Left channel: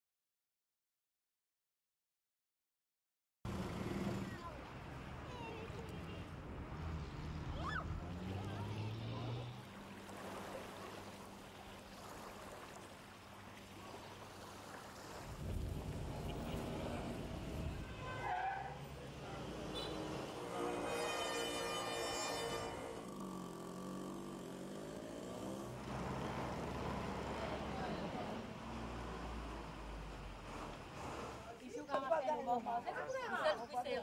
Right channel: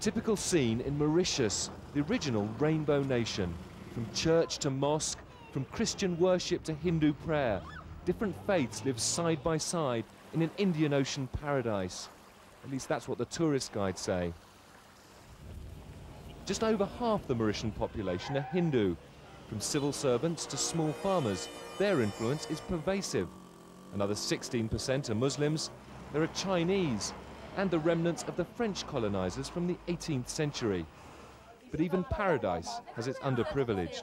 typical scene in Mauritius, the original rainbow nation. From church to mosque, from Christian worship to Hindu prayer, different faiths live side by side in an Indian Ocean paradise. At least that's what the tourist guides say. Just over half the Mauritian population are Hindu. From civil servants to small farmers, their influence is pervasive. Another 16% are Muslims. There are Chinese and the remnants of the French colonizers from the 18th century. But even paradise has its underprivileged.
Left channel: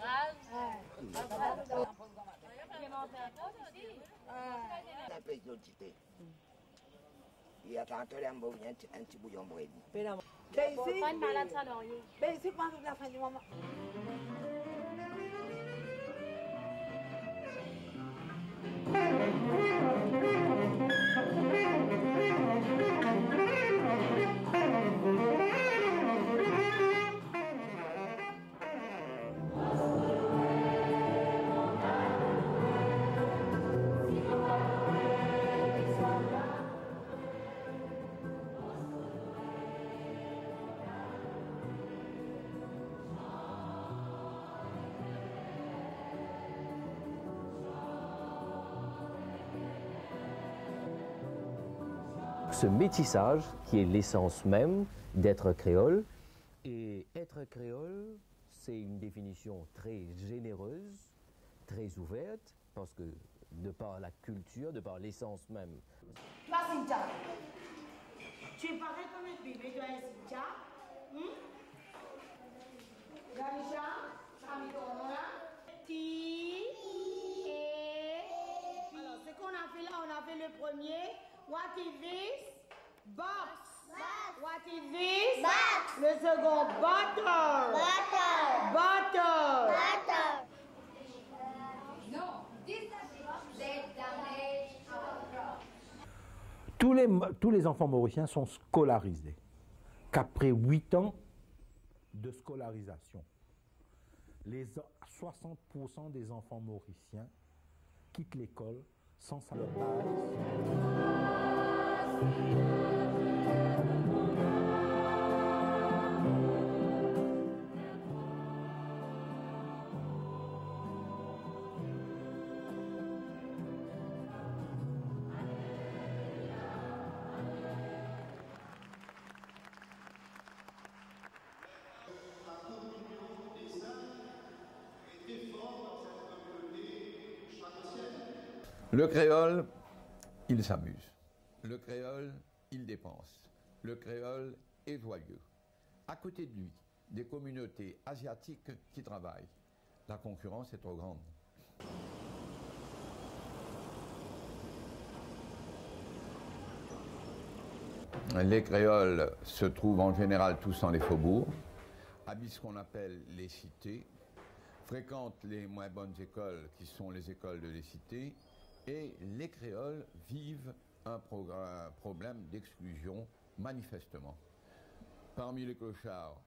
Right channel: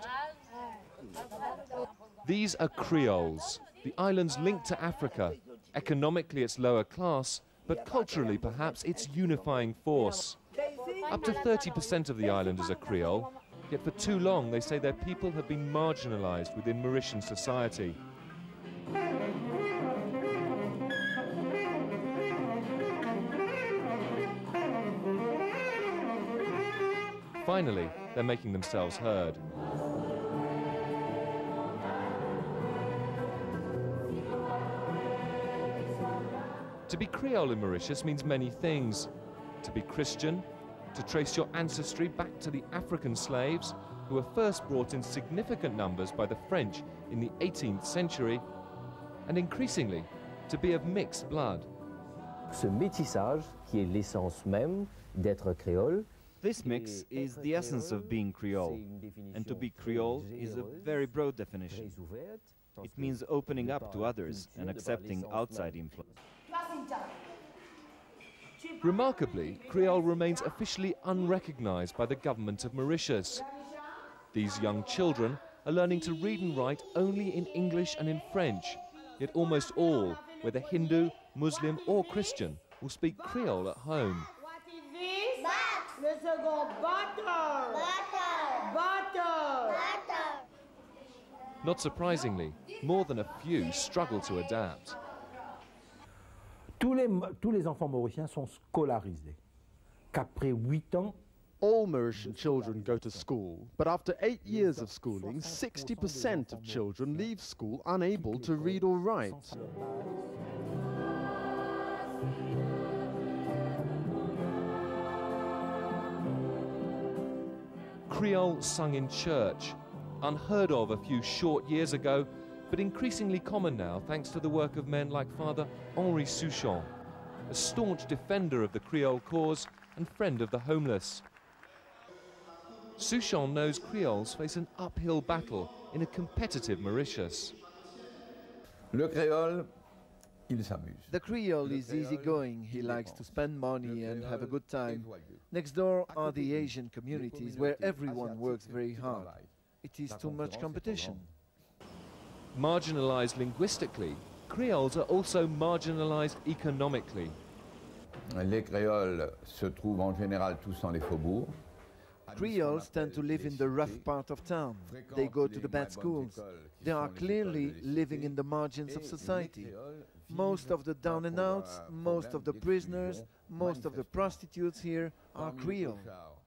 These are Creoles, the island's link to Africa. Economically it's lower class, but culturally perhaps its unifying force. Up to 30% of the islanders are Creole, yet for too long they say their people have been marginalized within Mauritian society. Finally, they're making themselves heard. To be Creole in Mauritius means many things. To be Christian, to trace your ancestry back to the African slaves who were first brought in significant numbers by the French in the 18th century, and increasingly, to be of mixed blood. Ce métissage, qui est l'essence même d'être créole. This mix is the essence of being Creole, and to be Creole is a very broad definition. It means opening up to others and accepting outside influence. Remarkably, Creole remains officially unrecognized by the government of Mauritius. These young children are learning to read and write only in English and in French, yet almost all, whether Hindu, Muslim or Christian, will speak Creole at home. What is this? Le second, butter. Butter. Butter. Not surprisingly, more than a few struggle to adapt. Tous les enfants mauriciens sont scolarisés. Qu'après 8 ans, all Mauritian children go to school, but after 8 years of schooling, 60% of children leave school unable to read or write. Creole sung in church, unheard of a few short years ago, but increasingly common now thanks to the work of men like Father Henri Souchon, a staunch defender of the Creole cause and friend of the homeless. Souchon knows Creoles face an uphill battle in a competitive Mauritius. Le créole, il s'amuse. The Creole is easygoing. He likes to spend money and have a good time. Next door are the Asian communities where everyone works very hard. It is too much competition. Marginalized linguistically, Creoles are also marginalized economically. Les créoles se trouvent en général tous dans les faubourgs. Creoles tend to live in the rough part of town. They go to the bad schools. They are clearly living in the margins of society. Most of the down and outs, most of the prisoners, most of the prostitutes here are Creole.